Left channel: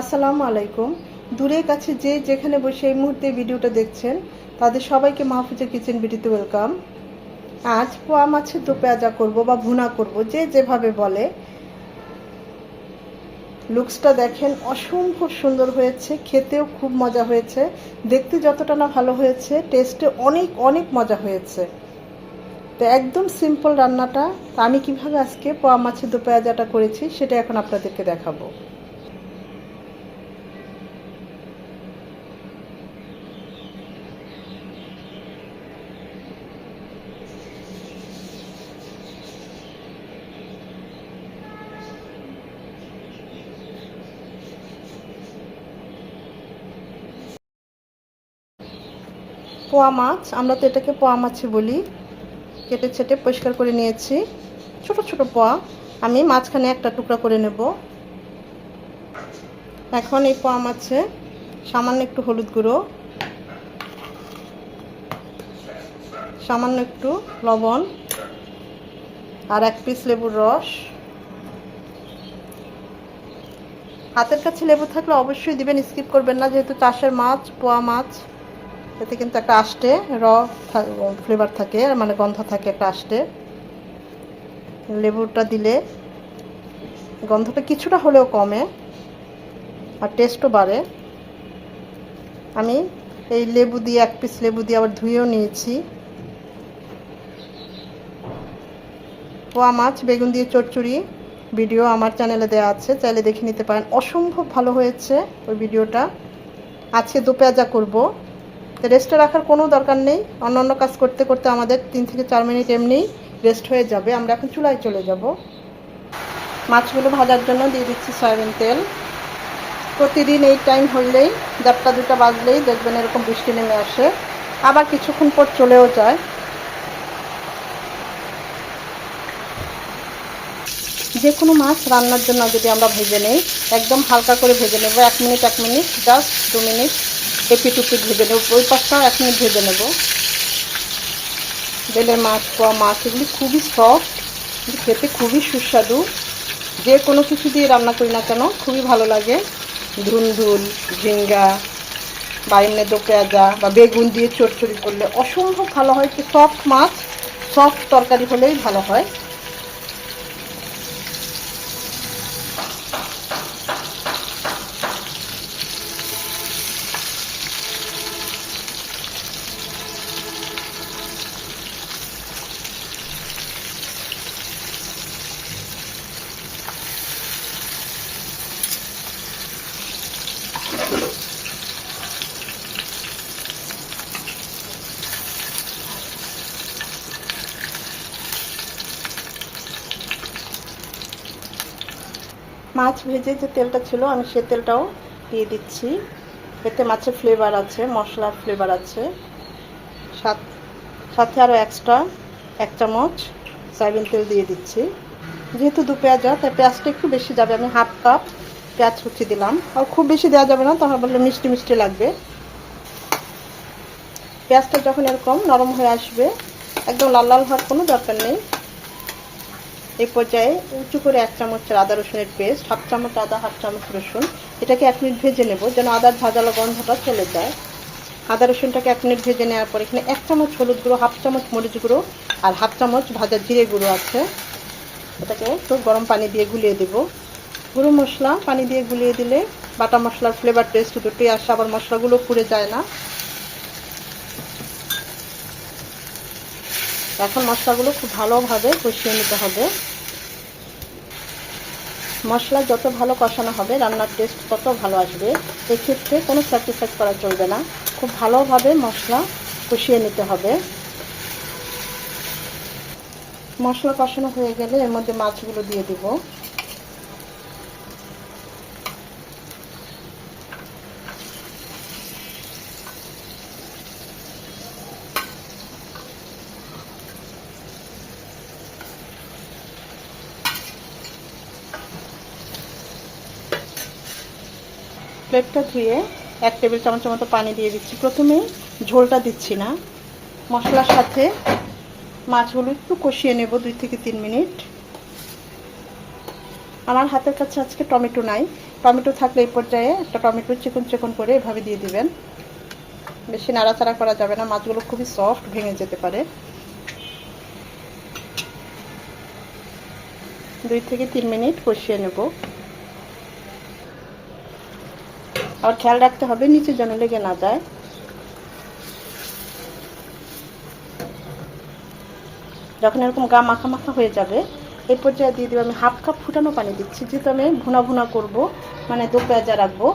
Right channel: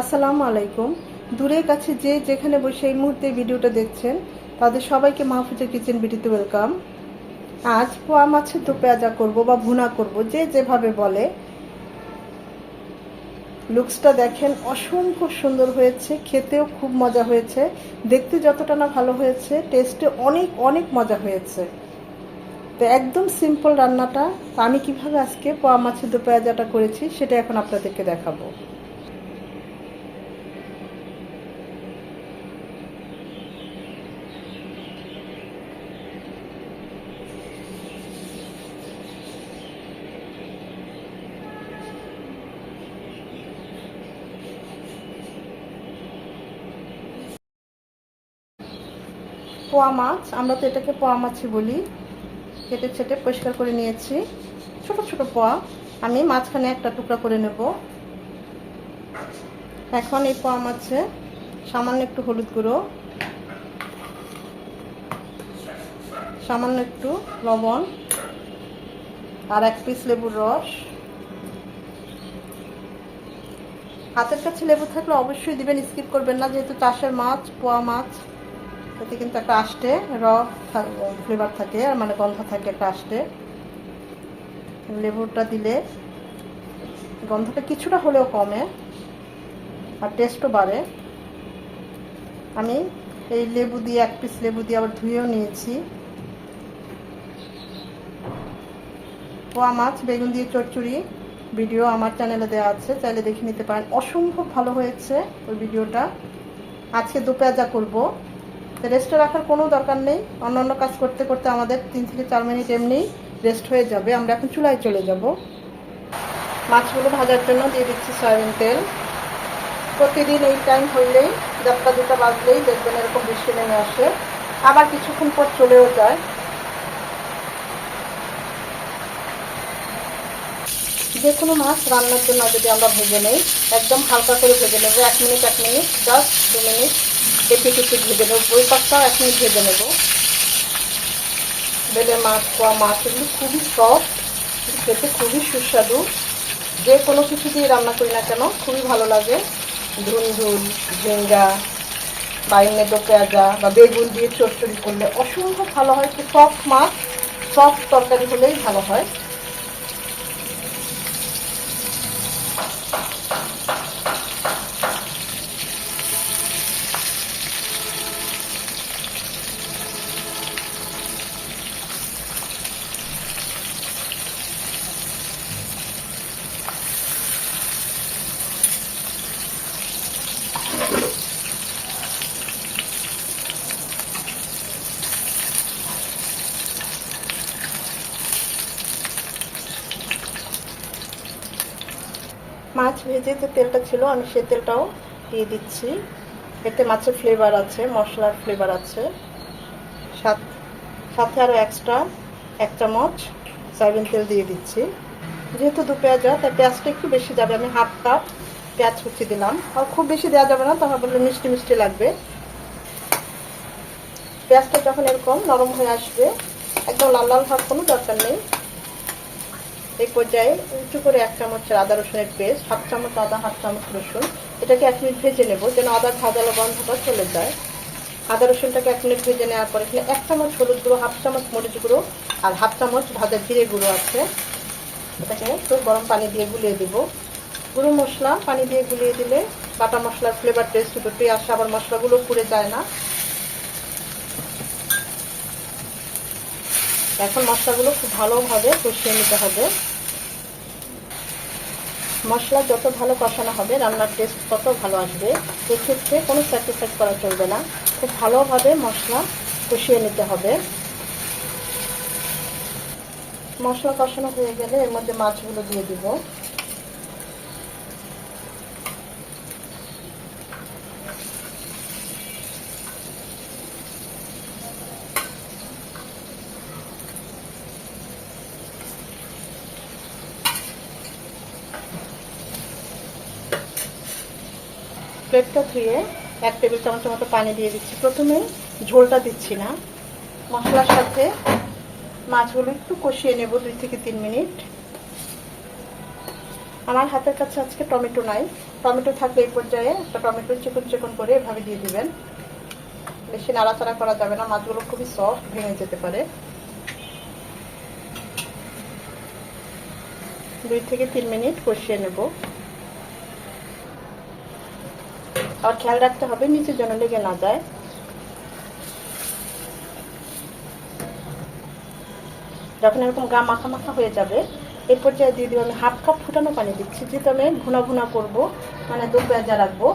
আসসালামু আলাইকুম। দূরে কাছে যে যেখানে বসে এই মুহূর্তে ভিডিওটা দেখছেন তাদের সবাইকে মাহফুজা কিচেন বিডিতে ওয়েলকাম। আজ পোয়া মাছের দো পেঁয়াজা করব বা ভুনা করব, যে যেভাবে বলে। লুকসটা দেখেন, অসম্ভব সুন্দর হয়েছে, খেতেও খুব মজা হয়েছে। দেখতে যতটা না ভালো হয়েছে, টেস্টে অনেক অনেক মজা হয়েছে। তো একদম সিম্পল রান্নাটা। আমি কিভাবে আজকে পোয়া মাছের দো পেঁয়াজাটা করেছি সেটা এখন আপনাদেরকে দেখাবো। পোয়া মাছ, আমরা তো এটাকে পোয়া মাছই বলি। কেটে ছেটে পরিষ্কার করে নিয়েছি ছোট ছোট পোয়া। আমি মাঝখানে একটা টুকরা করে নেব। এখন এই পোয়া মাছে সামান্য একটু হলুদ গুঁড়ো, সামান্য একটু লবণ, আর এক পিস লেবুর রস। হাতের কাছে লেবু থাকলে অবশ্যই দিবেন, স্কিপ করবেন না, যেহেতু চাষের মাছ, পোয়া মাছ। এতে কিন্তু একটা আষ্টে ফ্লেভার থাকে, মানে গন্ধ থাকে একটা আষ্টে। লেবুটা দিলে গন্ধটা কিছুটা হলেও কমে আর টেস্টও বাড়ে। আমি এই লেবু দিয়ে, এক পিস লেবু দিয়ে আবার ধুয়েও নিয়েছি। পোয়া মাছ বেগুন দিয়ে চচ্চড়ি ভিডিও আমার চ্যানেলে দেওয়া আছে, চাইলে দেখে নিতে পারেন। অসম্ভব ভালো হয়েছে ওই ভিডিওটা। আজকে দো পেঁয়াজা করবো, রেস্টে রাখার কোনো দরকার নেই। অন্য অন্য কাজ করতে করতে আমাদের 3 থেকে 4 মিনিট এমনি রেস্ট হয়ে যাবে। আমরা এখন চুলায় চলে যাব। মাছগুলো ভাজার জন্য দিয়ে দিচ্ছি সয়াবিন তেল। প্রতিদিন এই টাইম হইলেই, 1টা বাজলেই দেখবেন এরকম বৃষ্টি নেমে আসে, আবার কিছুক্ষণ পর চলেও যায়। যে কোনো মাছ রান্নার জন্য যদি আমরা ভেজে নেই, একদম হালকা করে ভেজে নেব। 1 মিনিট জাস্ট 2 মিনিট এপিট উপিট ভেজে নেব। ওই পাশটা 1 মিনিট ভেজে নেব। বেলের মাছ, পোয়া মাছ, এগুলি খুবই সফট, খেতে খুবই সুস্বাদু। যে কোনো কিছু দিয়ে রান্না করি না কেন খুবই ভালো লাগে। ধুনঝুল, ঝিঙ্গা, বাইনে দো পেঁয়াজা বা বেগুন দিয়ে চচ্চড়ি করলে অসম্ভব ভালো হয়। একটু সফট মাছ, সফট তরকারি হলেই ভালো হয়। মাছ ভেজে যে তেলটা ছিল, আমি সে তেলটাও দিয়ে দিচ্ছি। এতে মাছের ফ্লেভার আছে, মশলার ফ্লেভার আছে। সাথে আরও এক্সট্রা 1 চামচ সয়াবিন তেল দিয়ে দিচ্ছি। যেহেতু দু পেঁয়াজা, তাই পেঁয়াজটা একটু বেশি যাবে। আমি 1/2 কাপ পেঁয়াজ কুচি দিলাম। আর খুব বেশি দেওয়া যাবে না, তাহলে বললে মিষ্টি মিষ্টি লাগবে। পেঁয়াজটা যখন এরকম নরম হয়ে আসবে, একদম লাল লাল হওয়ার কোনো দরকার নেই। এই পর্যায়ে উঁচু করে 1 চামচ আদা রসুনের পেস্ট, 1/2 চামচ আদা, 1/2 চামচ রসুন, এটাকে 1 মিনিট ভেজে নেব, যেন আদার ভাজালো গন্ধটা চলে যায়। আদা রসুনটাকে 1 মিনিট ভেজে নেওয়ার পর এখানে 1 চামচ হলুদ গুঁড়ো, 1/2 চামচ মরিচ গুঁড়ো আর 1/2 চামচ ভাজা জিরে গুঁড়ো আছে। এটাকে খুব গরম পানি দিয়ে গুলিয়ে দেব। গুঁড়ো মশলা পানি দিয়ে গুলিয়ে দিলে বাটা মশলার ফ্লেভার টেস্ট দুটোই আসে, আবার মশলাগুলো পুড়ে যায় না। এখন মশলাগুলো খুব ভালোভাবে কষিয়ে নিতে হবে। মশলা যত ভালো কষানো হবে, রান্নার টেস্ট তত ভালো আসবে। এক্ষেত্রে কোনো স্যাক্রিফাইস করা চলবে না, খুব ভালোভাবে মশলা কষিয়ে নিতে হবে। মশলা কষানো হয়ে গেলে এর মধ্যে মাছগুলো দিয়ে দিব। প্লেটটা ধুয়ে 1 টেবিল চামচের মতো পানি দিয়ে দিচ্ছি। প্রথমে ঝোলটা দিচ্ছি না, মশলার সাথে মাছগুলো একটু কষিয়ে নেব 2 থেকে 3 মিনিট। আমার হাতের কাছে আজকে টমেটো নাই, টমেটো থাকলে এই পর্যায়ে একটা টমেটো চিকন চিকন করে এভাবে দিয়ে দিবেন। বেশি নাড়াচাড়া করা যাবে না, মাছগুলো খুবই সফট, ভেঙে যেতে পারে। 2 থেকে 3 মিনিট কষিয়ে নেব। আর খেয়াল রাখতে হবে নিচে যেন লেগে না যায়। যখন এরকম গা মাখা মাখা হয়ে যাবে এই পর্যায়ে দিয়ে দিব আমি 1/2 কাপ ফুটানো পানি দিচ্ছি। যেহেতু ভুনা ভুনা করবো, মানে দো পেঁয়াজা রাখবো,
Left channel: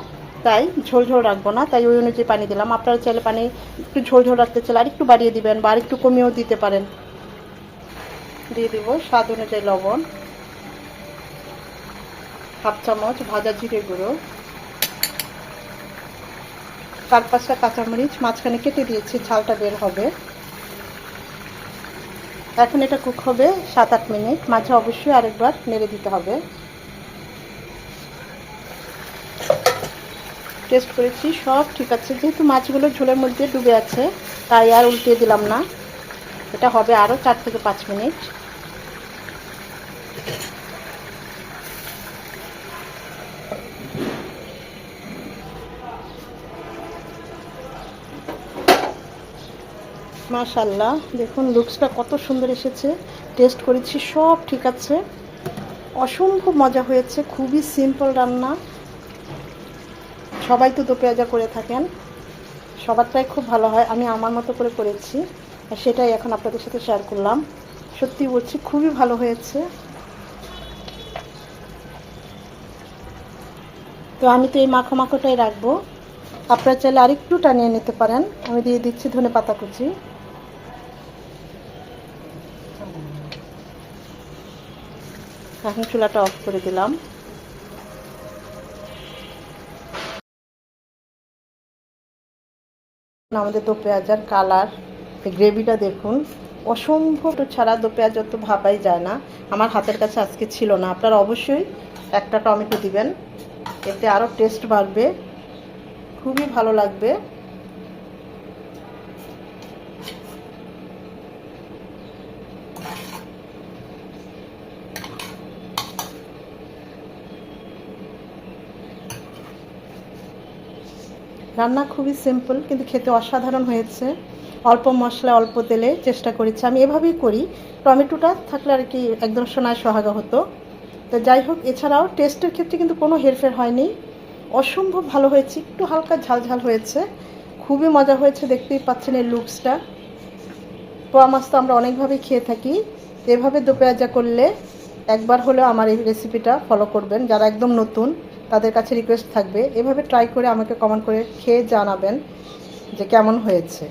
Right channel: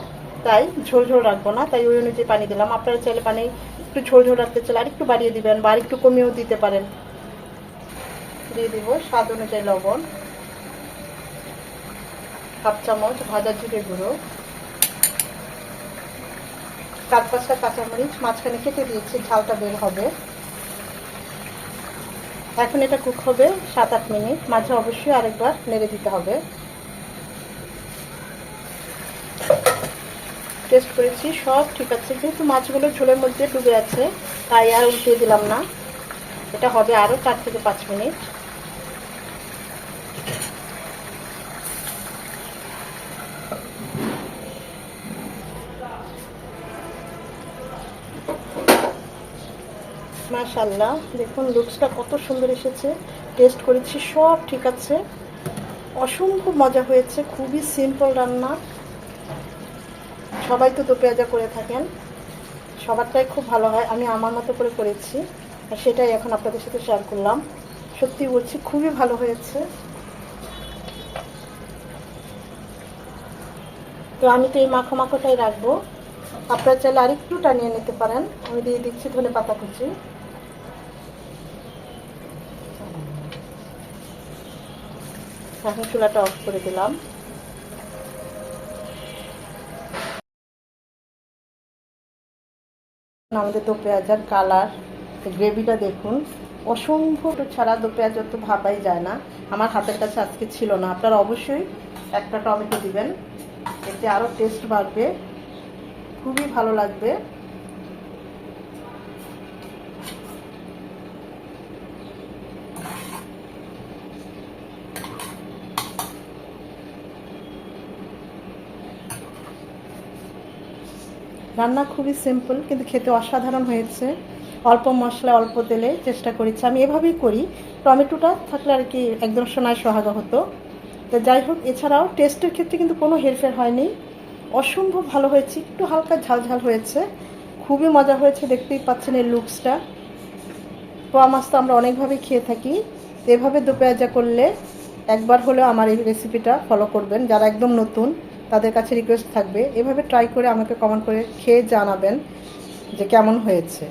তাই ঝোল ঝোল রাখবো না, তাই ওই অনুযায়ী পানি দিলাম। আপনারা চাইলে পানি একটু ঝোল ঝোল রাখতে চাইলে আরেকটু বাড়িয়ে দিবেন বা আরেকটু কমিয়েও দিতে পারেন। দিয়ে দিব স্বাদ অনুযায়ী লবণ, 1/2 চামচ ভাজা জিরে গুঁড়ো, 4-5টা কাঁচামরিচ মাঝখানে কেটে দিয়েছি, ঝালটা বের হবে। এখন এটা কুক হবে 7-8 মিনিট। মাঝে অবশ্যই আরেকবার নেড়ে দিতে হবে। টেস্ট করেছি, সব ঠিক আছে। যেহেতু মাছগুলো ঝোলের মধ্যে ডুবে আছে তাই আর উল্টে দিলাম না। এটা হবে আরও 4 থেকে 5 মিনিট। মাশাআল্লাহ, দেখুন লুকসটা কত সুন্দর এসেছে। টেস্ট করেছি, সব ঠিক আছে, অসম্ভব মজা হয়েছে। খুবই সিম্পল রান্না, সবাই তো দো পেঁয়াজা করে থাকেন, সবারটাই খুব ভালো হয়। আমি আমার মতো করে করেছি আর সেটাই এখন আপনাদের সাথে শেয়ার করলাম। সত্যি বলছি খুবই ভালো হয়েছে। তো আমি তো এই মাখো মাখোটাই রাখবো, আপনারা চাইলে আরেকটু টানিয়ে নিতে পারেন। আমি দিয়ে দিচ্ছি ধনেপাতা কুচি। এখন চুলাটা অফ করে দিলাম। আমাদের দো পেঁয়াজার কালার, গ্রেভিটা দেখুন, অসম্ভব ছাড়া দো পেঁয়াজা তো ভাবাই যায় না। আমার হাতের কাছে আজকে ছিল না। আপনারা অবশ্যই একটা টমেটো দিবেন, এতে আরও টেস্ট বাড়বে, খুবই ভালো লাগবে। রান্না খুবই সিম্পল কিন্তু খেতে অসাধারণ হয়েছে। অল্প মশলা অল্প তেলে চেষ্টা করেছি, আমি এভাবেই করি। টমেটোটা থাকলে আর কি একদম সোনায় সোহাগা হতো। তো যাই হোক, এছাড়াও টেস্টের ক্ষেত্রে কিন্তু কোনো হেরফের হয়নি, অসম্ভব ভালো হয়েছে। একটু হালকা ঝাল ঝাল হয়েছে, খুবই মজা হয়েছে। দেখতেই পাচ্ছেন এই লুকসটা। পোয়া মাছ তো আমরা অনেকভাবেই খেয়ে থাকি, এভাবে দো পেঁয়াজা করলে একবার হলেও আমার এই রেসিপিটা ফলো করবেন। যারা একদম নতুন তাদের কাছে রিকোয়েস্ট থাকবে এভাবে ট্রাই করে আমাকে কমেন্ট করে খেয়ে জানাবেন যে কেমন হয়েছে।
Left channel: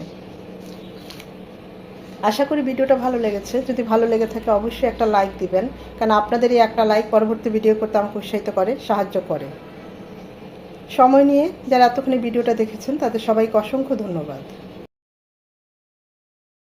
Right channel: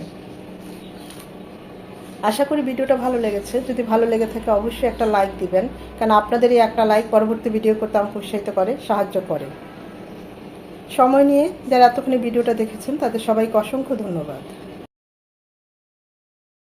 আশা করি ভিডিওটা ভালো লেগেছে। যদি ভালো লেগে থাকে অবশ্যই একটা লাইক দিবেন, কারণ আপনাদের এই একটা লাইক পরবর্তী ভিডিও করতে আমাকে উৎসাহিত করে, সাহায্য করে। সময় নিয়ে যারা এতক্ষণ ভিডিওটা দেখেছেন তাদের সবাইকে অসংখ্য ধন্যবাদ।